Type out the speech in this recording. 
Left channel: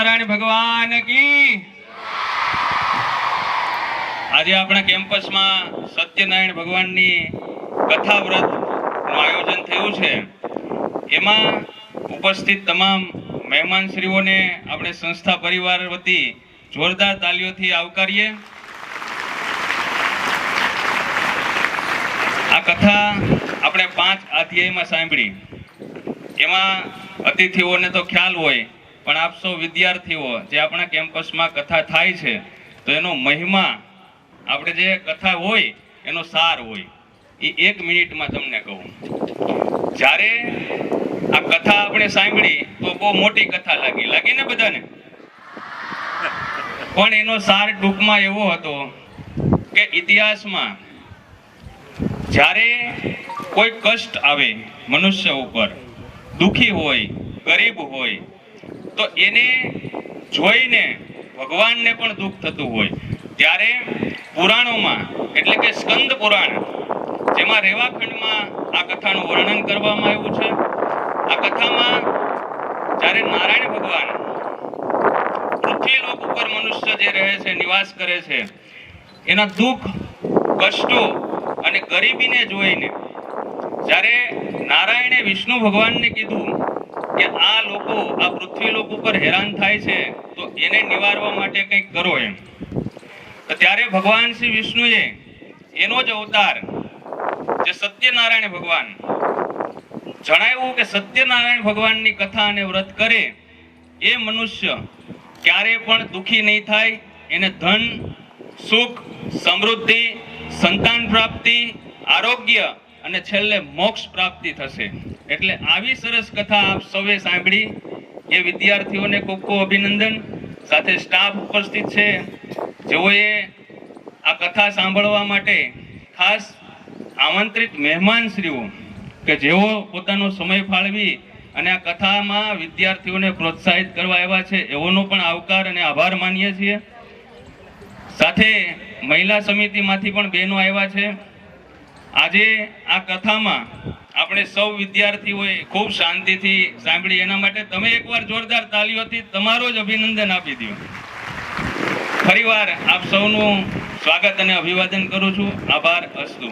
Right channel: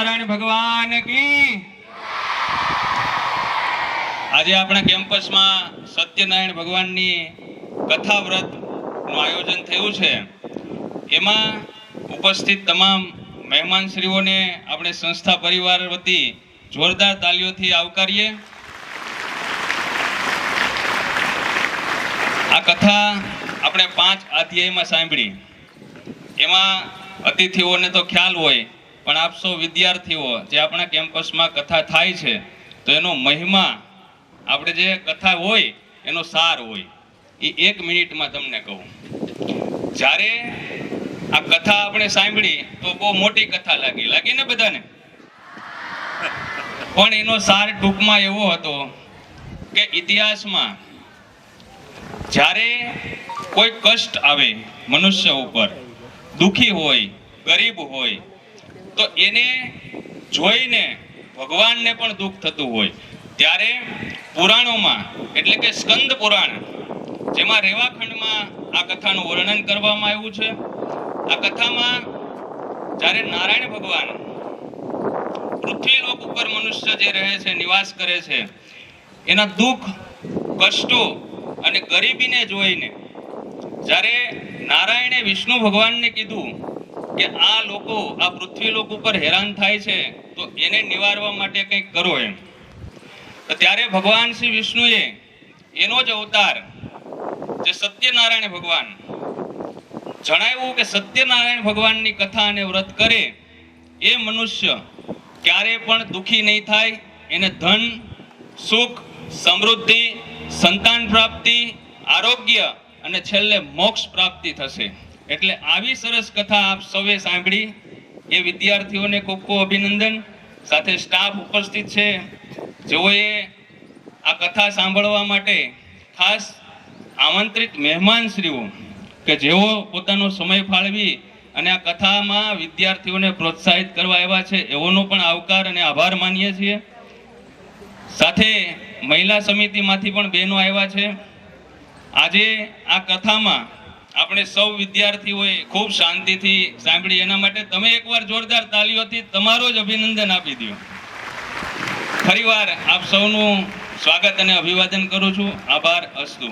સત્યનારાયણ ભગવાન કી। આજે આપણા કેમ્પસમાં સત્યનારાયણ ભગવાનની કથા વ્રતનું આયોજન થયું છે। એમાં ઉપસ્થિત તમામ મહેમાનશ્રીઓને આપણે સંસ્થા પરિવાર વતી જોરદાર તાલીઓથી આવકારીએ। આ કથા આપણે 5 અધ્યાયમાં સાંભળી। એમાં અતિથિઓને તો ખ્યાલ હોય, પણ આપ સૌ વિદ્યાર્થીઓ જે આપણા કેમ્પસમાં કથા થાય છે તો એનો મહિમા, આપણે જે કથા હોય એનો સાર હોય એ 1 મિનિટમાં તમને કહું। જ્યારે આ કથા આપણે સાંભળી તો બહુ મોટી કથા લાગી ને બધાને, પણ એનો સાર ટૂંકમાં એવો હતો કે ઇતિહાસમાં જ્યારે કોઈ કષ્ટ આવે મનુષ્ય ઉપર, દુખી હોય, ગરીબ હોય, તો એને જોઈને ભગવાનને પણ દુઃખ થતું હોય। ત્યારે પુરાણોમાં એટલે કે સ્કંદ પુરાણ, જેમાં રેવાખંડમાં આ કથાનું વર્ણન કરવામાં આવ્યું છે। આ કથામાં જ્યારે નારાયણ ભગવાન પૃથ્વી લોક ઉપર મનુષ્ય જે રહે છે, નિવાસ કરે છે, એના દુઃખ, કષ્ટો અને ગરીબીને જોઈને જ્યારે નારાયણે વિષ્ણુ ભગવાનને કીધું કે આ લોકો આ પૃથ્વી લોક ઉપર હેરાન થાય છે તો એને નિવારવા માટે કંઈક કરો એમ, તો ત્યારે ભગવાન શ્રી વિષ્ણુએ એનો જ અવતાર જે સત્યનારાયણ ભગવાન જણાવ્યું કે સત્યનારાયણ ભગવાનની કથા અને વ્રત કરે એ મનુષ્ય ક્યારે પણ દુઃખી નહીં થાય, એને ધન, સુખ, સમૃદ્ધિ, સંતાન પ્રાપ્તિ, આરોગ્ય અને છેલ્લે મોક્ષ પ્રાપ્તિ થશે। એટલે આવી સરસ કથા આપ સૌએ સાંભળી એ વિદ્યાર્થીઓને ખૂબ ખૂબ અભિનંદન। સાથે સ્ટાફ ઉપસ્થિત છે જેઓએ આ કથા સાંભળવા માટે ખાસ આમંત્રિત મહેમાનશ્રીઓ કે જેઓ પોતાનો સમય ફાળવી અને આ કથામાં વિદ્યાર્થીઓને પ્રોત્સાહિત કરવા આવ્યા છે, એઓનો પણ આવકાર અને આભાર માનીએ છીએ। સાથે મહિલા સમિતિમાંથી પણ બહેનો આવ્યા છે। આજે આ કથામાં આપણે સૌ વિદ્યાર્થીઓએ ખૂબ શાંતિથી સાંભળી, એના માટે તમે એકવાર જોરદાર તાલીઓથી તમારો જ અભિનંદન આપી દો। ફરીવાર આપ સૌનું સ્વાગત અને અભિવાદન કરું છું। આભાર અસ્તુ।